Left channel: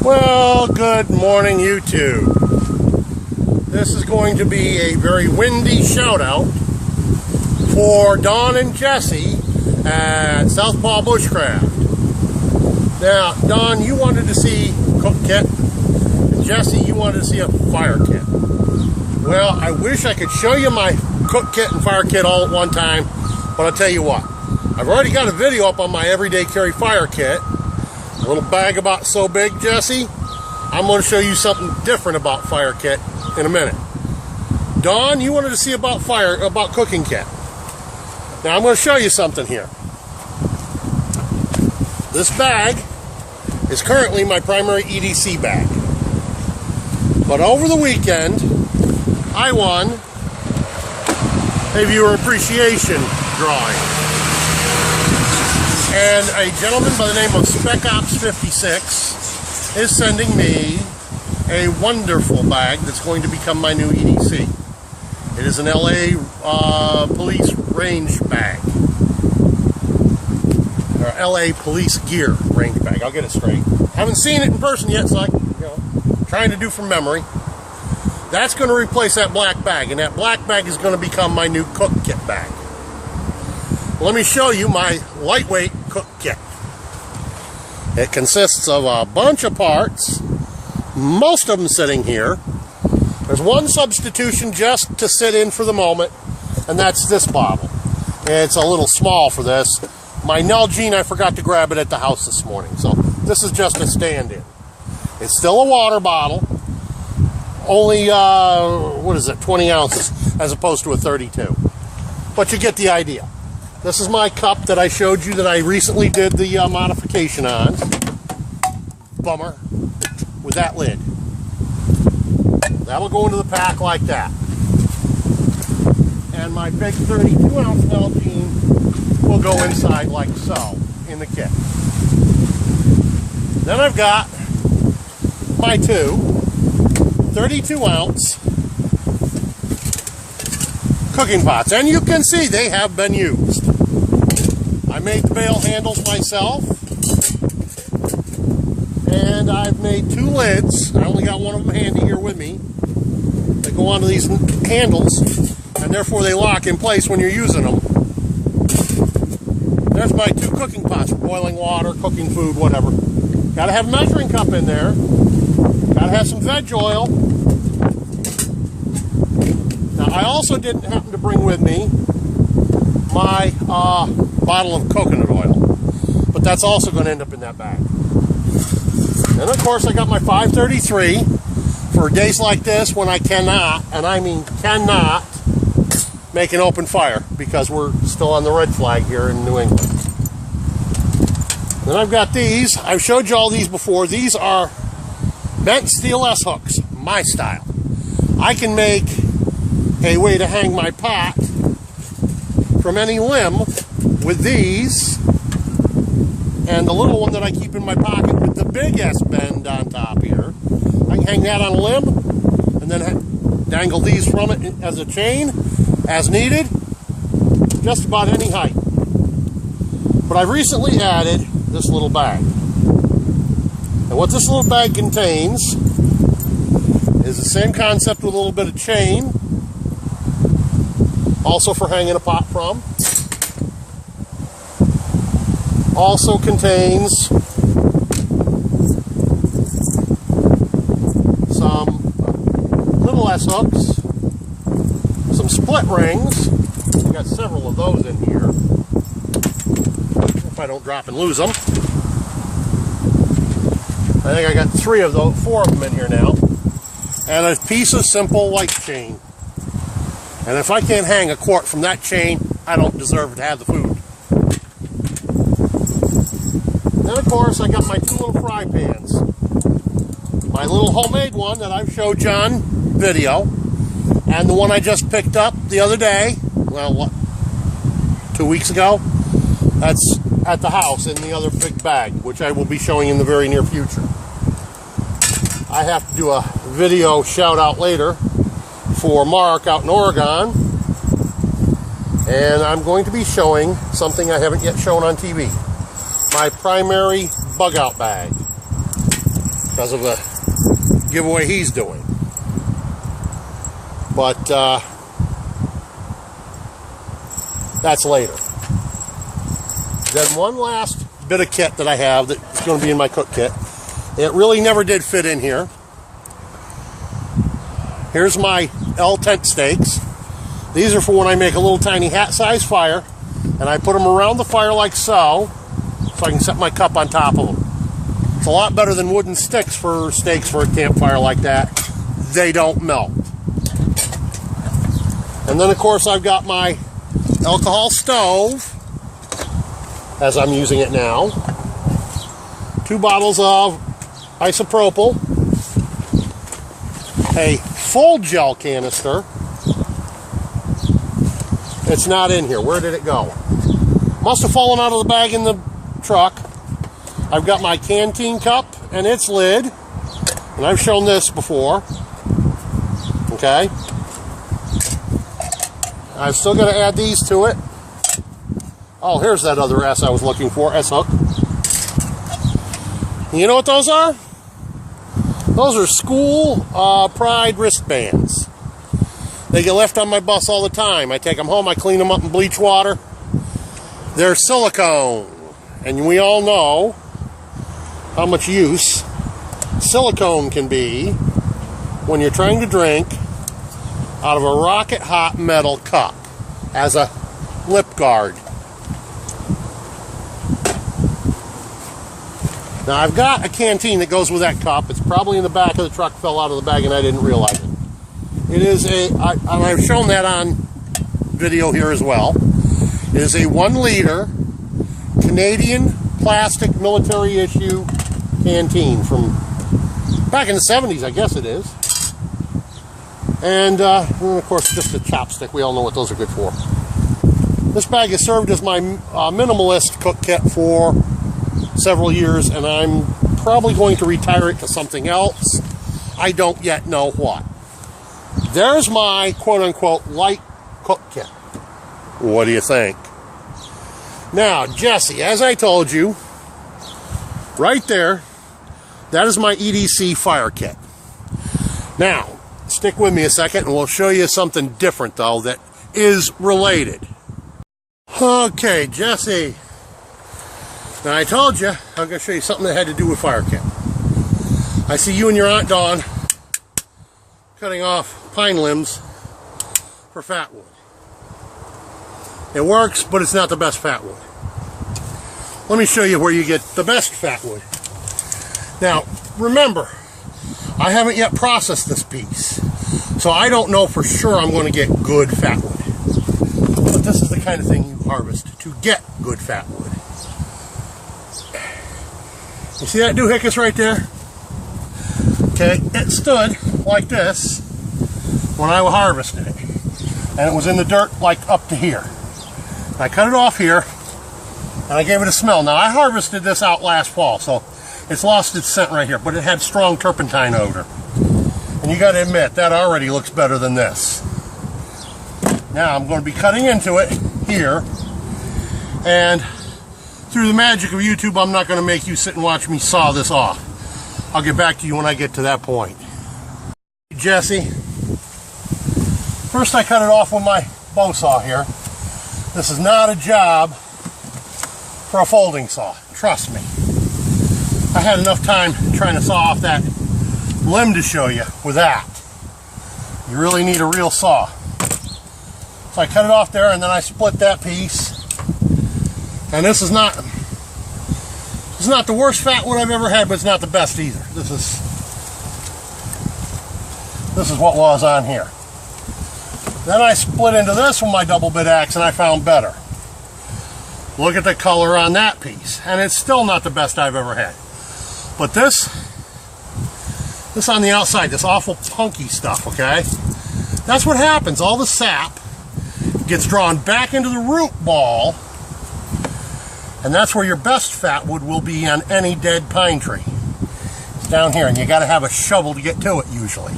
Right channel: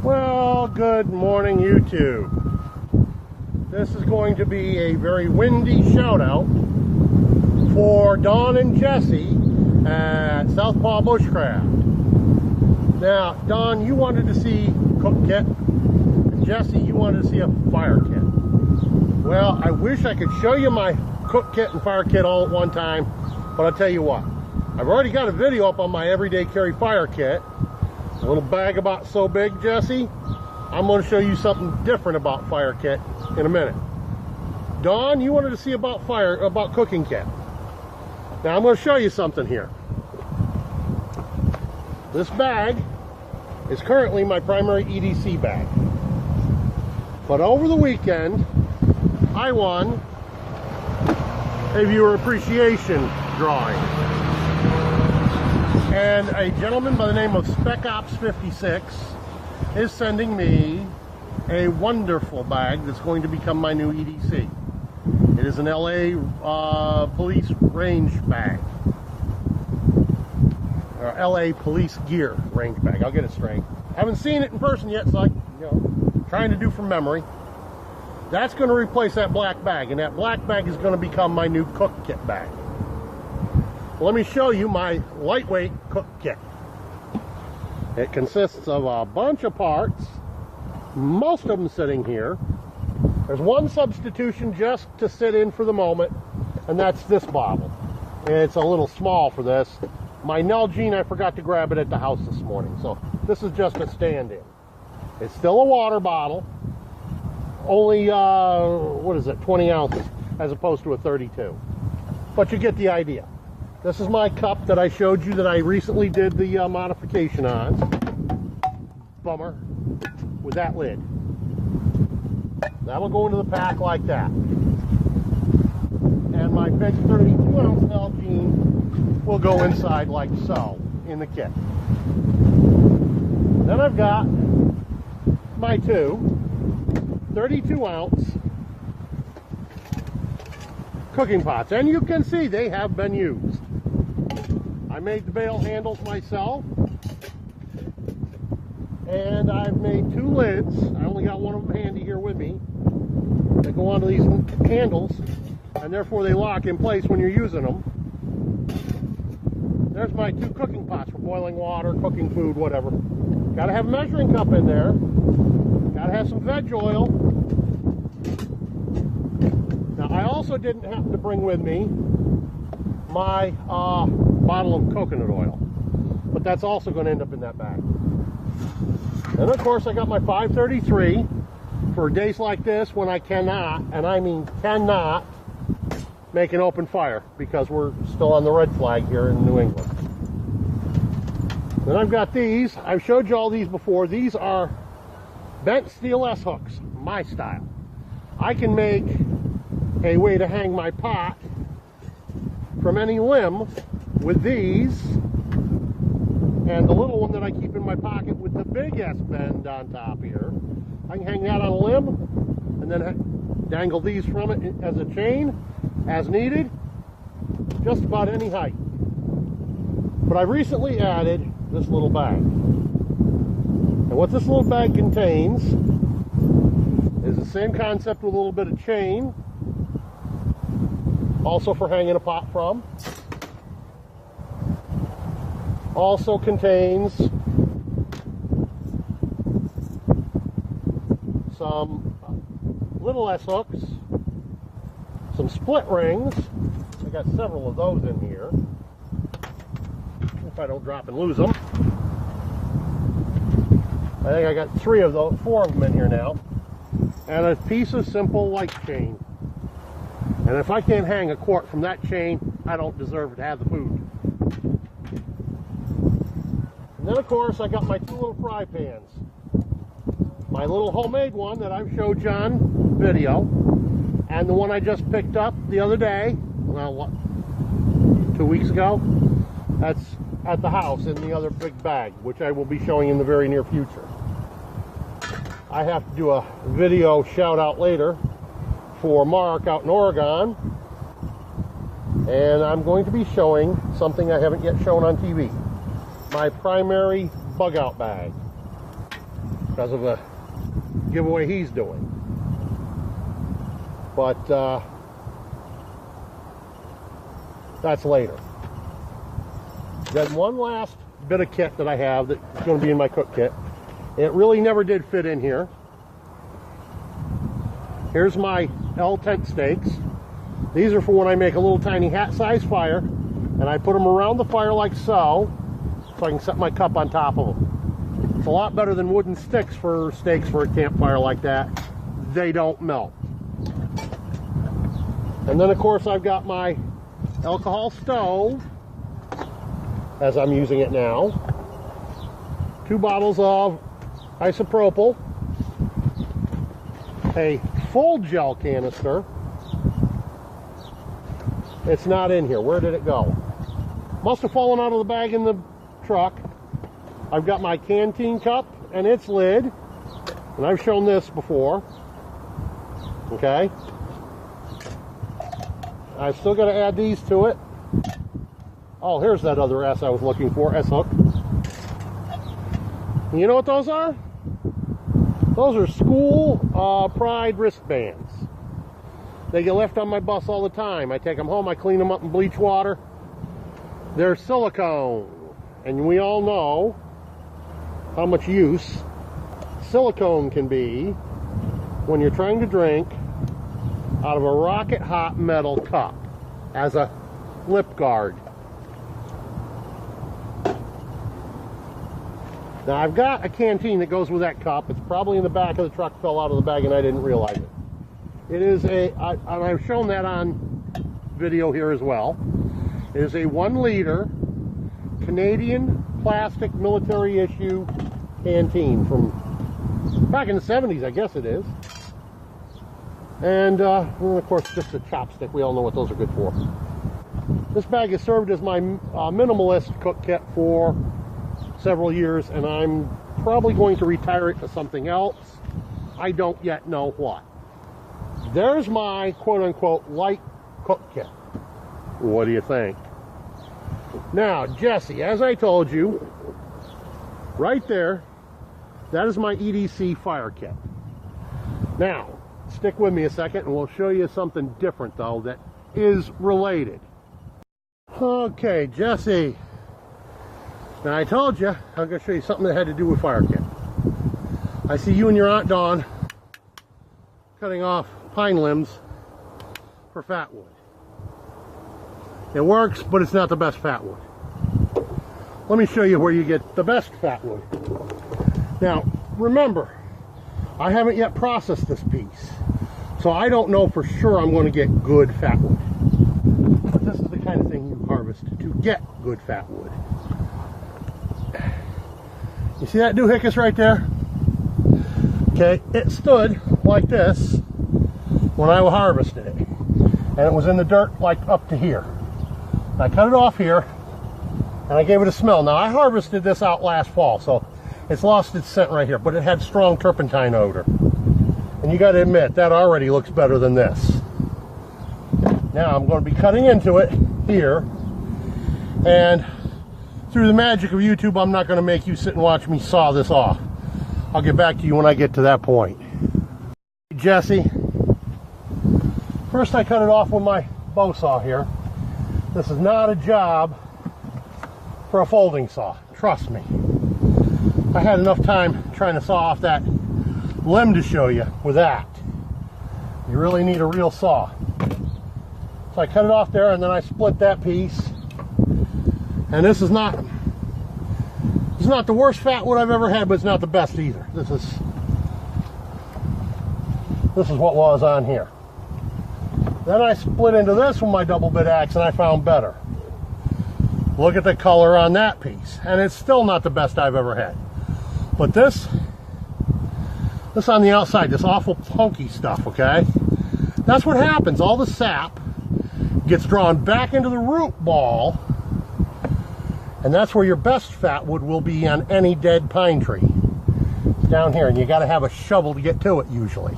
Well, good morning, YouTube. This is going to be a very windy shout out for Don and Jesse at South Paw Bushcraft. Now, Don, you wanted to see cook kit, and Jesse, you wanted to see a fire kit. Well, I wish I could show you my cook kit and fire kit all at one time, but I'll tell you what. I've already got a video up on my everyday carry fire kit. A little bag about so big, Jesse. I'm going to show you something different about fire kit in a minute. Don, you wanted to see about cooking kit. Now I'm going to show you something here. This bag is currently my primary EDC bag. But over the weekend, I won a viewer appreciation drawing. And a gentleman by the name of Spec Ops 56 is sending me a wonderful bag that's going to become my new EDC. It is an LA police range bag. Or LA police gear range bag. I'll get it straight. Haven't seen it in person yet, so I'm trying to do from memory. That's going to replace that black bag, and that black bag is going to become my new cook kit bag. Let me show you my lightweight cook kit. It consists of a bunch of parts, most of them sitting here. There's one substitution just to sit in for the moment, and that's this bottle. It's a little small for this. My Nalgene, I forgot to grab it at the house this morning, so this is just a stand-in. It's still a water bottle, only, 20 ounces as opposed to a 32. But you get the idea. This is my cup that I showed you that I recently did the modification on. Bummer. With that lid. That'll go into the pack like that. And my big 32-ounce Nalgene will go inside like so in the kit. Then I've got my two 32-ounce cooking pots. And you can see they have been used. I made the bail handles myself, and I've made two lids. I only got one of them handy here with me. They go onto these handles, and therefore they lock in place when you're using them. There's my two cooking pots for boiling water, cooking food, whatever. Got to have a measuring cup in there. Got to have some veg oil. Now, I also didn't happen to bring with me my bottle of coconut oil, but that's also going to end up in that bag. And of course, I got my 533 for days like this when I cannot, and I mean cannot, make an open fire because we're still on the red flag here in New England. Then I've got these. I've showed you all these before. These are bent steel S-hooks, my style. I can make a way to hang my pot from any limb with these, and the little one that I keep in my pocket with the big S bend on top here. I can hang that on a limb and then dangle these from it as a chain as needed, just about any height. But I've recently added this little bag. And what this little bag contains is the same concept with a little bit of chain, also for hanging a pot from. Also contains some little S-hooks, some split rings. I've got several of those in here. If I don't drop and lose them. I think I got four of them in here now. And a piece of simple light chain. And if I can't hang a quart from that chain, I don't deserve to have the food. Then, of course, I got my two little fry pans. My little homemade one that I've showed you on video, and the one I just picked up the other day, well, 2 weeks ago, that's at the house in the other big bag, which I will be showing in the very near future. I have to do a video shout out later for Mark out in Oregon, and I'm going to be showing something I haven't yet shown on TV. my primary bug out bag because of the giveaway he's doing. But that's later. Then one last bit of kit that I have that's going to be in my cook kit. It really never did fit in here. Here's my L tent stakes. These are for when I make a little tiny hat-sized fire, and I put them around the fire like so I can set my cup on top of them. It's a lot better than wooden stakes for a campfire like that. They don't melt. And then, of course, I've got my alcohol stove, as I'm using it now. 2 bottles of isopropyl, a full gel canister. It's not in here. Where did it go? Must have fallen out of the bag in the truck. I've got my canteen cup and its lid, and I've shown this before. Okay. I've still got to add these to it. Oh, here's that other S I was looking for, S-hook. You know what those are? Those are school pride wristbands. They get left on my bus all the time. I take them home, I clean them up in bleach water. They're silicone. And we all know how much use silicone can be when you're trying to drink out of a rocket hot metal cup as a lip guard. Now I've got a canteen that goes with that cup. It's probably in the back of the truck, fell out of the bag and I didn't realize it. It is I've shown that on video here as well. It is a 1 liter Canadian plastic military issue canteen from back in the 70s, I guess it is. And of course just a chopstick. We all know what those are good for. This bag has served as my minimalist cook kit for several years, and I'm probably going to retire it to something else. I don't yet know what. There's my quote-unquote light cook kit. What do you think? Now, Jesse, as I told you, right there, that is my EDC fire kit. Now, stick with me a second and we'll show you something different, though, that is related. Okay, Jesse. Now, I told you I'm going to show you something that had to do with fire kit. I see you and your Aunt Dawn cutting off pine limbs for fat wood. It works, but it's not the best fat wood. Let me show you where you get the best fat wood. Now, remember, I haven't yet processed this piece, so I don't know for sure I'm going to get good fat wood. But this is the kind of thing you harvest to get good fat wood. You see that doohickeys right there? Okay, it stood like this when I harvested it. And it was in the dirt like up to here. I cut it off here and I gave it a smell. Now I harvested this out last fall, so it's lost its scent right here, but it had strong turpentine odor. And you got to admit, that already looks better than this. Now I'm going to be cutting into it here, and through the magic of YouTube, I'm not going to make you sit and watch me saw this off. I'll get back to you when I get to that point. Jesse, first I cut it off with my bow saw here. This is not a job for a folding saw, trust me. I had enough time trying to saw off that limb to show you with that. You really need a real saw. So I cut it off there and then I split that piece. And this is not the worst fat wood I've ever had, but it's not the best either. This is what was on here. Then I split into this with my double bit axe and I found better. Look at the color on that piece. And it's still not the best I've ever had. But this on the outside, this awful punky stuff, okay? That's what happens. All the sap gets drawn back into the root ball, and that's where your best fat wood will be on any dead pine tree. It's down here, and you got to have a shovel to get to it usually.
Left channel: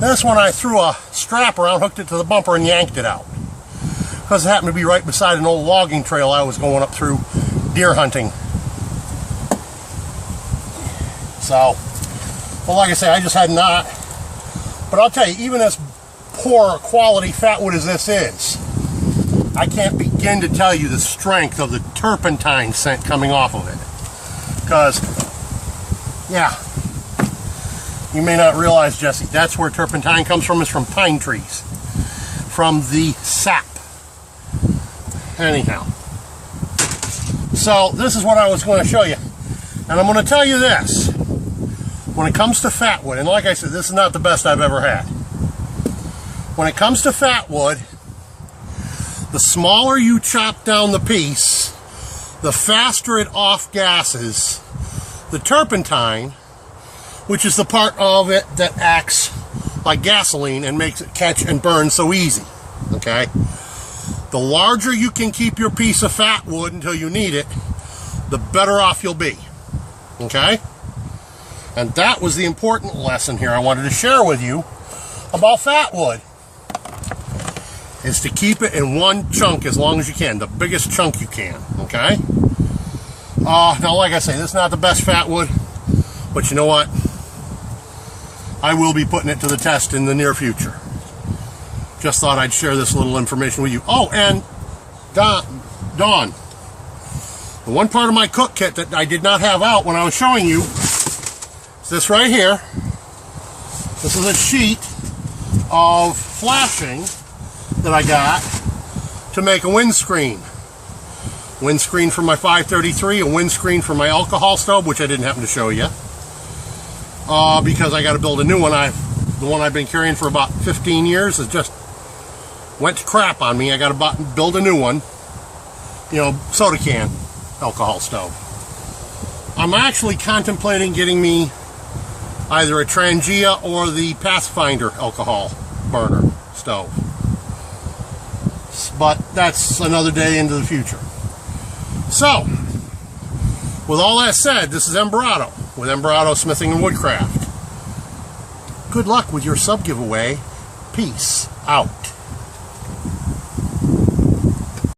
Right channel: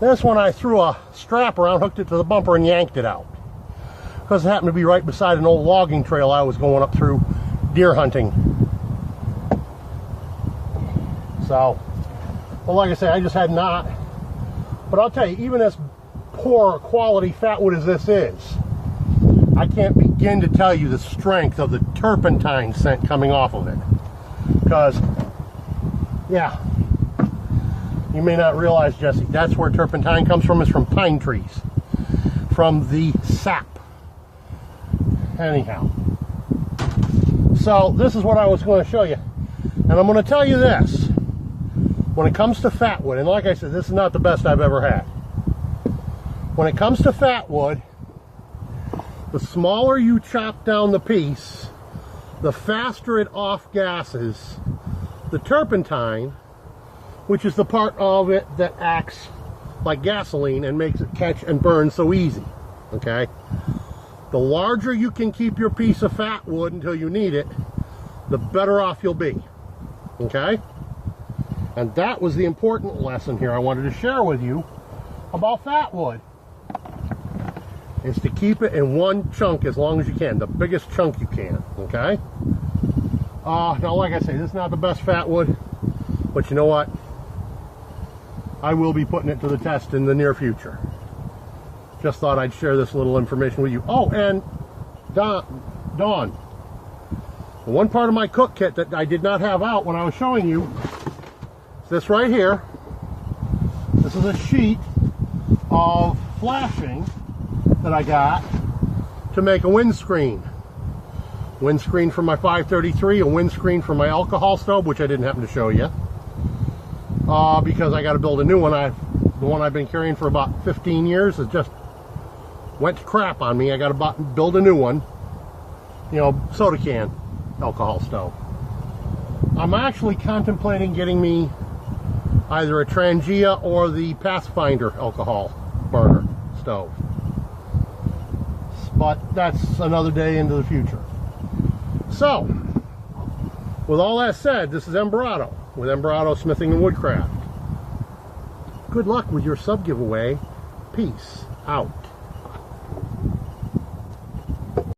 This one I threw a strap around, hooked it to the bumper, and yanked it out. Because it happened to be right beside an old logging trail I was going up through deer hunting. So, well, like I say, I just had not. But I'll tell you, even as poor quality fatwood as this is, I can't begin to tell you the strength of the turpentine scent coming off of it. Because, yeah, you may not realize, Jesse, that's where turpentine comes from, is from pine trees. From the sap. Anyhow. So, this is what I was going to show you. And I'm going to tell you this. When it comes to fatwood, and like I said, this is not the best I've ever had. When it comes to fatwood, the smaller you chop down the piece, the faster it off-gasses the turpentine, which is the part of it that acts like gasoline and makes it catch and burn so easy. Okay? The larger you can keep your piece of fatwood until you need it, the better off you'll be. Okay? And that was the important lesson here I wanted to share with you about fatwood, is to keep it in one chunk as long as you can, the biggest chunk you can, okay? Now, like I say, this is not the best fatwood, but you know what? I will be putting it to the test in the near future. Just thought I'd share this little information with you. Oh, and Dawn, the one part of my cook kit that I did not have out when I was showing you, this right here. This is a sheet of flashing that I got to make a windscreen. Windscreen for my 533, a windscreen for my alcohol stove, which I didn't happen to show you. Because I got to build a new one. The one I've been carrying for about 15 years has just went to crap on me. I got to build a new one. You know, soda can alcohol stove. I'm actually contemplating getting me either a Trangia or the Pathfinder alcohol burner stove. But that's another day into the future. So, with all that said, this is Embarado with Embarado Smithing and Woodcraft. Good luck with your sub giveaway. Peace out.